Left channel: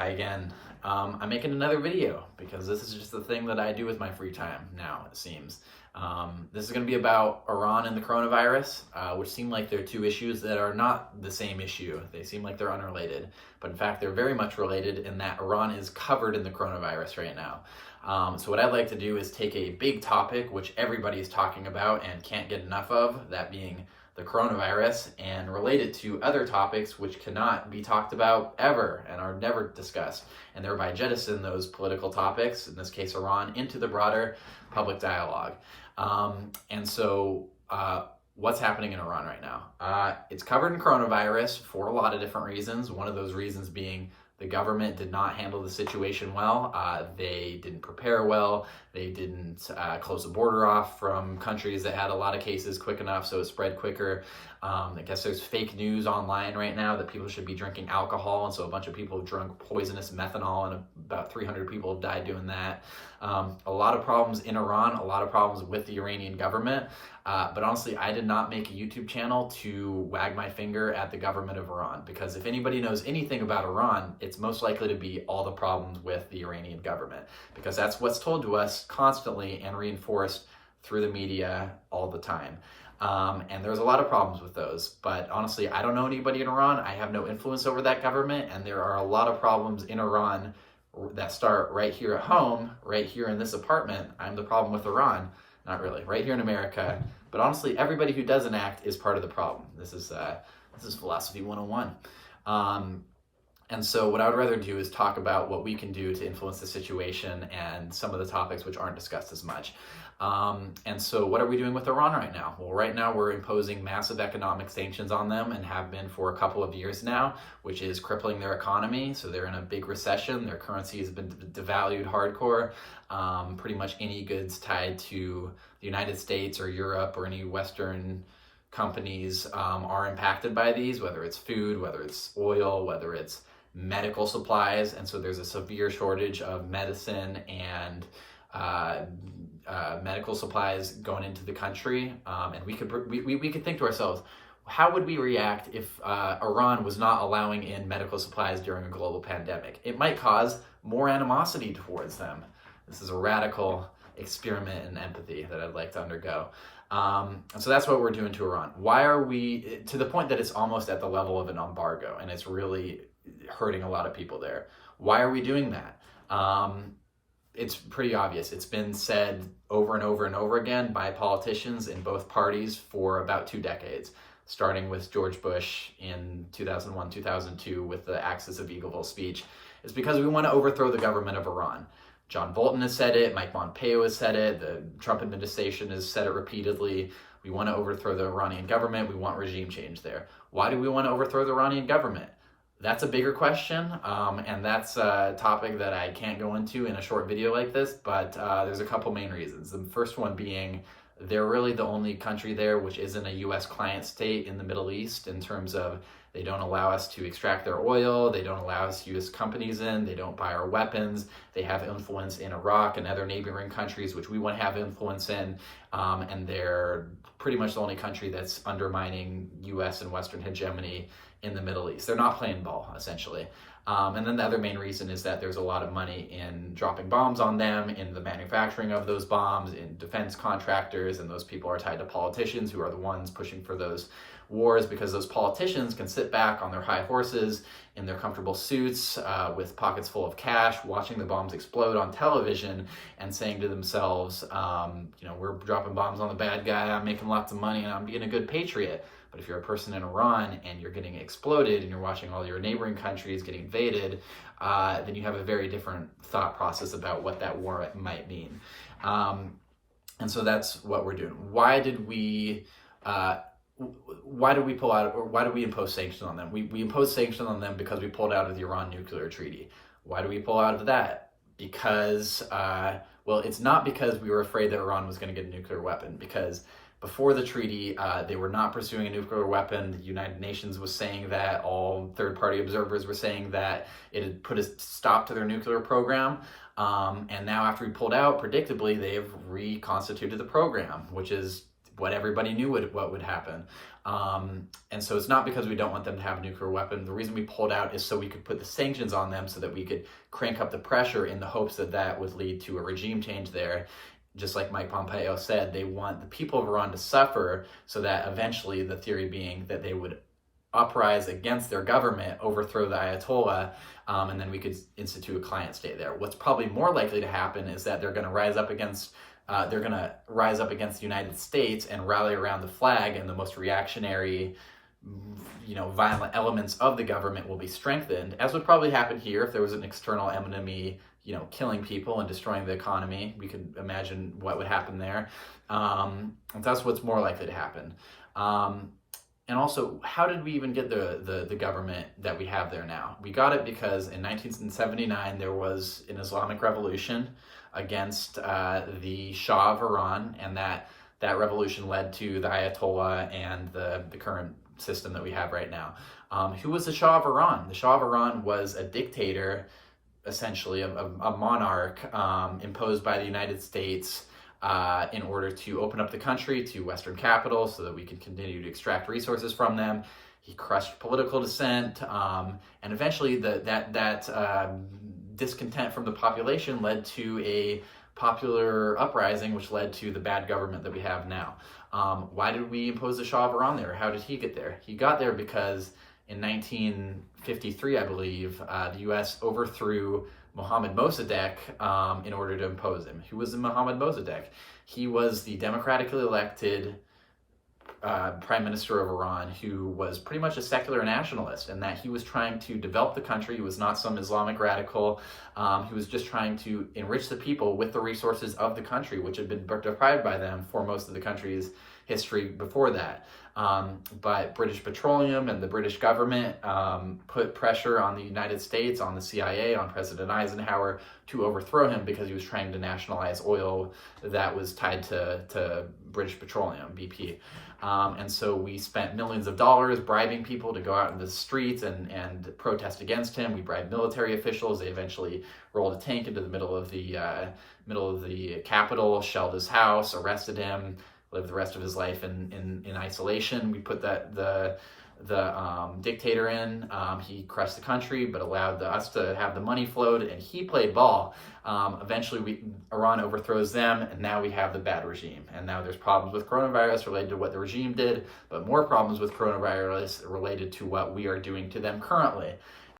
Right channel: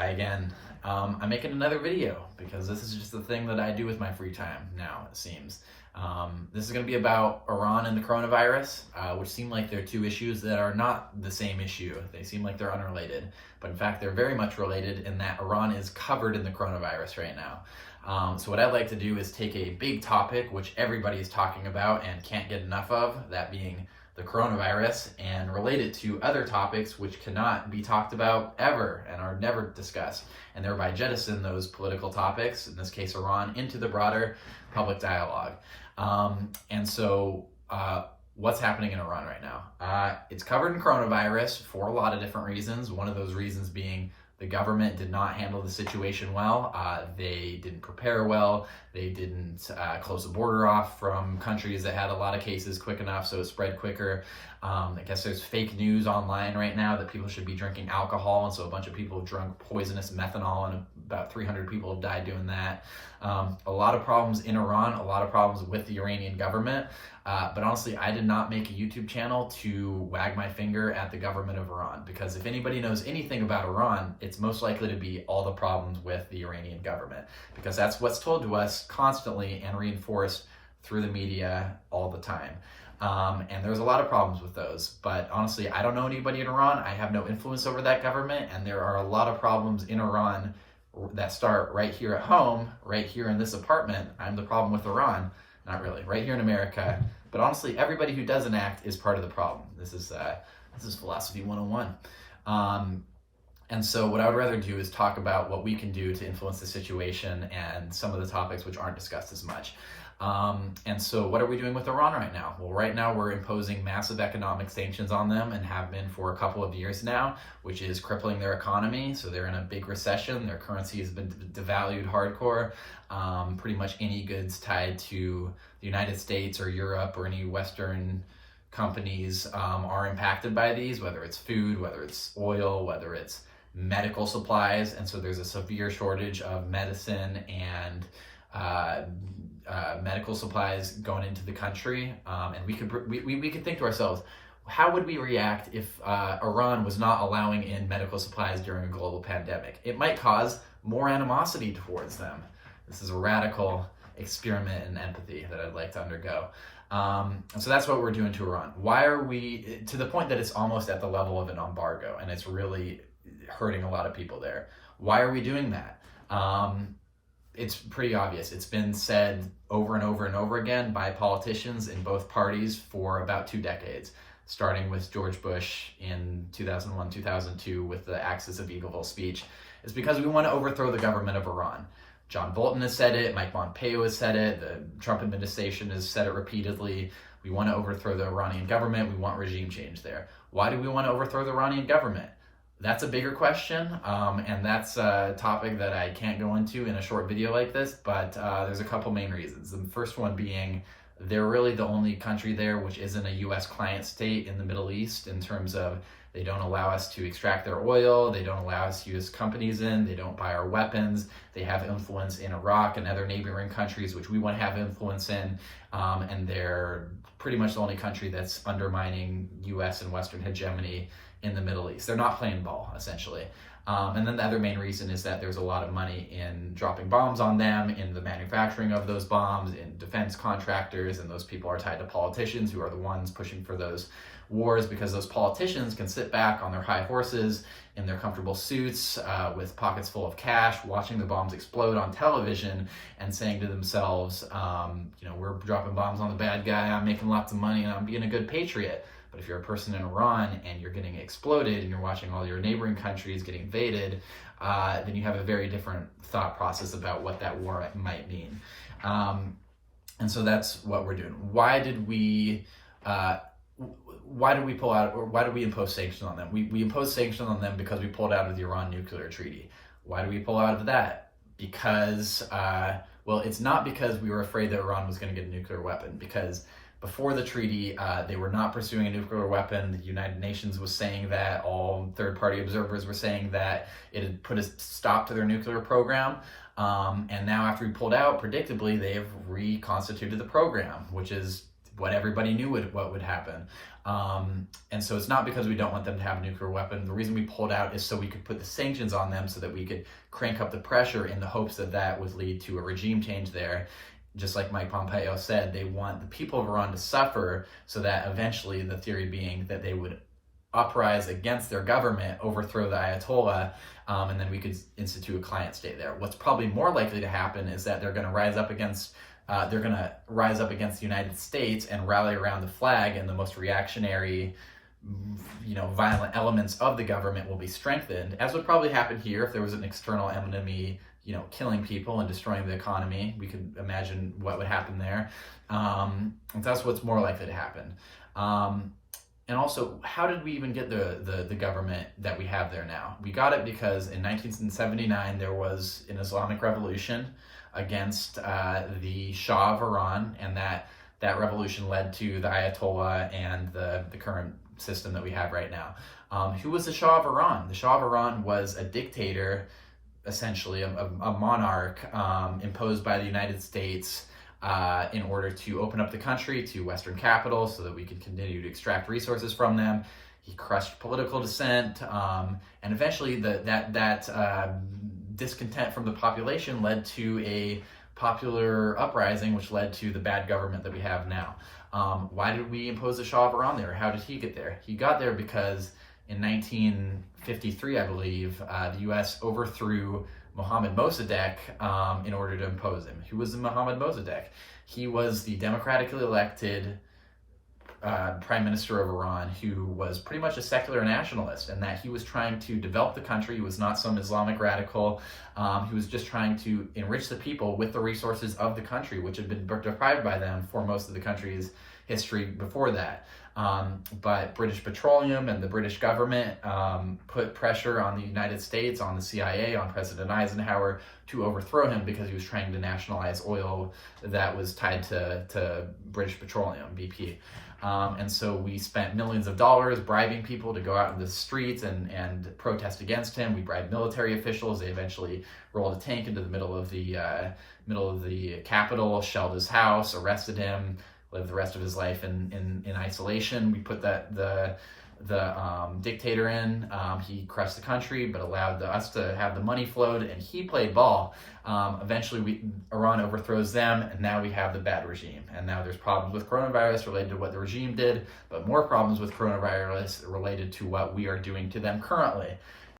Hi again. I'm making another video because this is just the thing that I do with my free time now, it seems. This is going to be about Iran and the coronavirus, which seem like they're two issues that are not the same issue. They seem like they're unrelated, but in fact, they're very much related in that Iran is covered in the coronavirus right now. So what I'd like to do is take a big topic, which everybody is talking about and can't get enough of, that being the coronavirus, and relate it to other topics which cannot be talked about ever and are never discussed, and thereby jettison those political topics, in this case Iran, into the broader public dialogue. What's happening in Iran right now? It's covered in coronavirus for a lot of different reasons. One of those reasons being the government did not handle the situation well. They didn't prepare well. They didn't close the border off from countries that had a lot of cases quick enough, so it spread quicker. I guess there's fake news online right now that people should be drinking alcohol, and so a bunch of people have drunk poisonous methanol, and about 300 people have died doing that. A lot of problems in Iran, a lot of problems with the Iranian government. But honestly, I did not make a YouTube channel to wag my finger at the government of Iran, because if anybody knows anything about Iran, it's most likely to be all the problems with the Iranian government, because that's what's told to us constantly and reinforced through the media all the time. And there's a lot of problems with those, but honestly, I don't know anybody in Iran. I have no influence over that government, and there are a lot of problems in Iran that start right here at home, right here in this apartment. I'm the problem with Iran. Not really, right here in America. But honestly, everybody who doesn't act is part of the problem. This is philosophy 101. And so what I would rather do is talk about what we can do to influence the situation and some of the topics which aren't discussed as much. And so what are we doing with Iran right now? Well, right now we're imposing massive economic sanctions on them, and have been for a couple of years now, which is crippling their economy. So they're in a big recession. Their currency has been devalued hardcore. Pretty much any goods tied to the United States or Europe or any Western companies are impacted by these, whether it's food, whether it's oil, whether it's medical supplies. And so there's a severe shortage of medicine and medical supplies going into the country. And we could think to ourselves, how would we react if Iran was not allowing in medical supplies during a global pandemic? It might cause more animosity towards them. This is a radical experiment in empathy that I'd like to undergo. And so that's what we're doing to Iran. Why are we, to the point that it's almost at the level of an embargo, and it's really hurting a lot of people there. Why are we doing that? It's pretty obvious. It's been said over and over and over again by politicians in both parties for about 2 decades, starting with George Bush in 2001, 2002 with the Axis of Eagleville speech. It's because we want to overthrow the government of Iran. John Bolton has said it, Mike Pompeo has said it, the Trump administration has said it repeatedly. We want to overthrow the Iranian government. We want regime change there. Why do we want to overthrow the Iranian government? That's a bigger question, and that's a topic that I can't go into in a short video like this, but there's a couple main reasons. The first one being they're really the only country there which isn't a U.S. client state in the Middle East, in terms of they don't allow us to extract their oil, they don't allow us to use companies in, they don't buy our weapons, they have influence in Iraq and other neighboring countries which we want to have influence in, and they're pretty much the only country that's undermining U.S. and Western hegemony in the Middle East. They're not playing ball, essentially. And then the other main reason is that there's a lot of money in dropping bombs on them, in the manufacturing of those bombs, in defense contractors, and those people are tied to politicians who are the ones pushing for those wars, because those politicians can sit back on their high horses in their comfortable suits with pockets full of cash, watching the bombs explode on television and saying to themselves, we're dropping bombs on the bad guy, I'm making lots of money, and I'm being a good patriot. But if you're a person in Iran and you're getting exploded and you're watching all your neighboring countries get invaded, then you have a very different thought process about what that war might mean. And so that's what we're doing. Why did we pull out, or why did we impose sanctions on them? We imposed sanctions on them because we pulled out of the Iran nuclear treaty. Why did we pull out of that? Because, it's not because we were afraid that Iran was going to get a nuclear weapon, because before the treaty, they were not pursuing a nuclear weapon. The United Nations was saying that. All third-party observers were saying that it had put a stop to their nuclear program. And now after we pulled out, predictably, they have reconstituted the program, which is what everybody knew what would happen. And so it's not because we don't want them to have a nuclear weapon. The reason we pulled out is so we could put the sanctions on them so that we could crank up the pressure in the hopes that that would lead to a regime change there. Just like Mike Pompeo said, they want the people of Iran to suffer so that eventually, the theory being that they would uprise against their government, overthrow the Ayatollah, and then we could institute a client state there. What's probably more likely to happen is that they're going to rise up against the United States and rally around the flag, and the most reactionary, violent elements of the government will be strengthened, as would probably happen here if there was an external enemy, killing people and destroying the economy. We could imagine what would happen there. And that's what's more likely to happen. And also, how did we even get the government that we have there now? We got it because in 1979, there was an Islamic revolution against the Shah of Iran, and that revolution led to the Ayatollah and the current system that we have right now. Who was the Shah of Iran? The Shah of Iran was a dictator, essentially a monarch imposed by the United States in order to open up the country to Western capital so that we could continue to extract resources from them. He crushed political dissent, and eventually that discontent from the population led to a popular uprising, which led to the bad government that we have now. Why did we impose the Shah of Iran there? How did he get there? He got there because in 1953, I believe, the U.S. overthrew Mohammad Mossadegh in order to impose him. Who was Mohammad Mossadegh? He was the democratically elected prime minister of Iran, who was pretty much a secular nationalist, and that he was trying to develop the country. He was not some Islamic radical. He was just trying to enrich the people with the resources of the country, which had been deprived by them for most of the country's history before that. But British Petroleum and the British government put pressure on the United States, on the CIA, on President Eisenhower to overthrow him because he was trying to nationalize oil that was tied to British Petroleum, BP. And so we spent millions of dollars bribing people to go out in the streets and protest against him. We bribed military officials. They eventually rolled a tank into the middle of the Capitol, shelled his house, arrested him, lived the rest of his life in isolation. We put the dictator in. He crushed the country, but allowed us to have the money flowed, and he played ball. Eventually, Iran overthrows them, and now we have the bad regime. And now there's problems with coronavirus related to what the regime did, but more problems with coronavirus related to what we are doing to them currently.